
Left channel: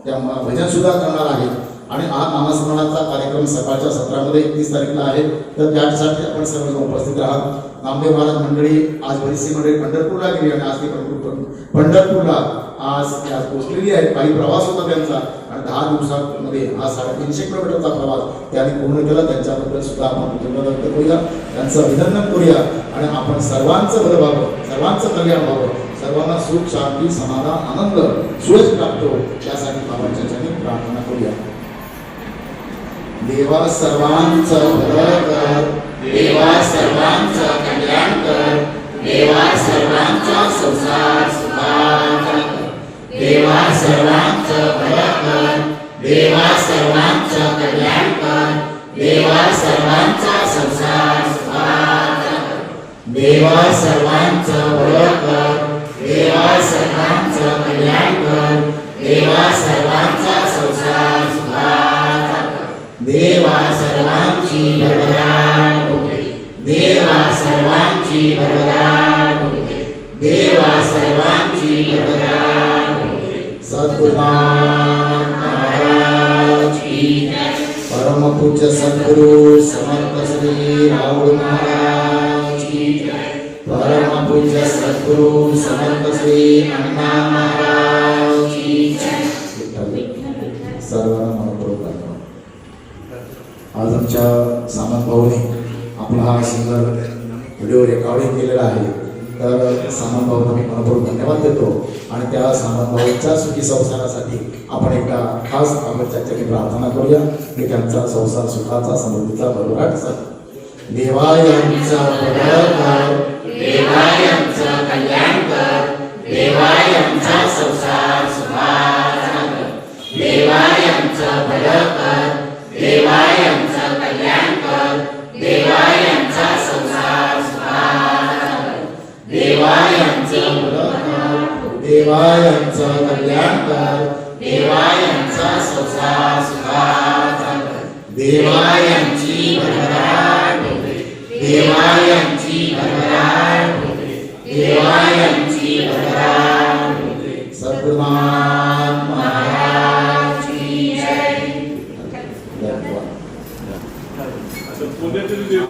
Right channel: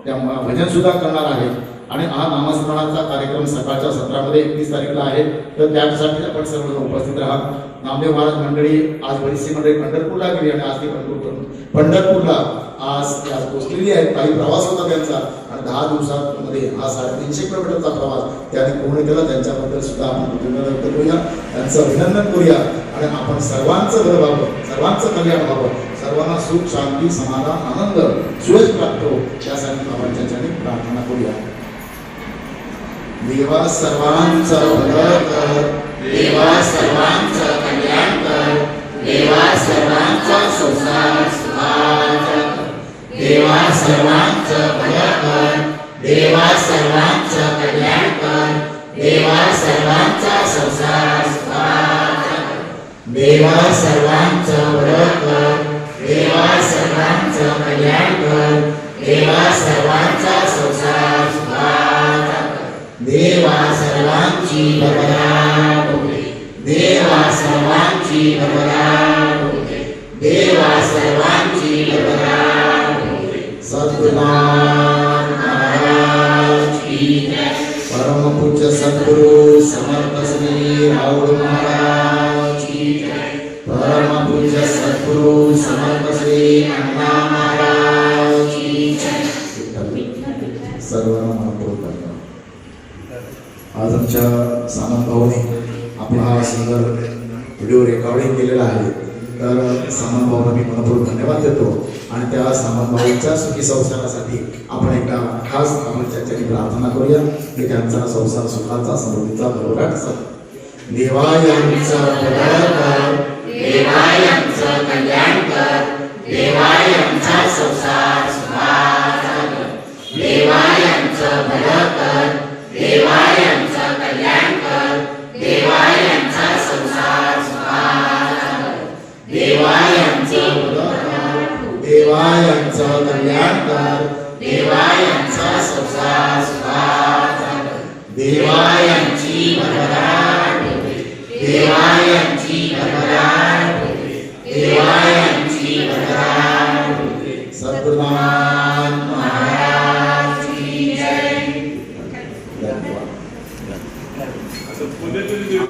त्या भजन सुद्धा करणार आहे. आणि हा नामस्मरणाचा कार्यक्रम सकाळच्या सत्रामध्ये 31 तारीखला आहे. तर त्यासाठी आपण सर्व उपस्थित राहा. नामदेव महाराज मंडळी आज बरीचशी मंडळी पंढरपूरला गेली आणि आज ती पंढरपूरला आज पोहोचलेली आहे. काही प्रवास होता त्यांचा आणि 10 दिवसांमध्ये हा 350 किलोमीटरचा प्रवास त्यांनी पूर्ण केला. त्यांच्याबद्दल सुद्धा आपण कृतज्ञता व्यक्त करूया, त्यांचं अभिनंदन करूया आणि आपण सर्वांचं घर व्हावं, सर्वांचं कल्याण व्हावं, सर्वांना सुख शांती समाधान आनंद सुयश प्राप्त हो यासाठी बाबांच्या चरणी प्रार्थना करूया. देवा सर्वांचं भलं कर, देवा सर्वांचं कल्याण कर, देवा सर्वांचा संसार सुखाचा कर, देवा सर्वांचं भलं कर, देवा सर्वांचं कल्याण कर, देवा सर्वांचा संसार सुखाचा कर, देवा सर्वांचं भलं कर, देवा सर्वांचं कल्याण कर, देवा सर्वांचा संसार सुखाचा कर, देवा सर्वांची भरभराट होऊ दे, देवा सर्वांची भरभराट होऊ दे, देवा सर्वांची भरभराट होऊ दे. सद्गुरुनाथ महाराज की जय. परमपूज्य सद्गुरु समर्थ श्री राहुल महाराज की जय. परमपूज्य सद्गुरु समर्थ श्री अण्णा महाराज की जय. सर्वांना मनपूर्वक धन्यवाद. आज आमच्या सामंत भाऊने आपला हा सुंदर व्हिडिओ रेकॉर्डिंग केलेला आहे. तर सामंत भाऊंना मी मनपूर्वक धन्यवाद देतो आणि त्या सामंत भाऊंच्या सुखी संसारासाठी आपण एका खास आपण त्याच्यासाठी प्रार्थना करूया की त्यांचा संसार सुखाचा समृद्धीचा भरभराट देवा यांचा भलं कर, देवा यांचं कल्याण कर, देवा यांचा संसार सुखाचा कर, देवा यांचं भलं कर, देवा यांचं कल्याण कर, देवा यांचा संसार सुखाचा कर, देवा यांचं भलं कर, देवा यांचं कल्याण कर, देवा यांचा देवायंची भरभराट होते, देवाय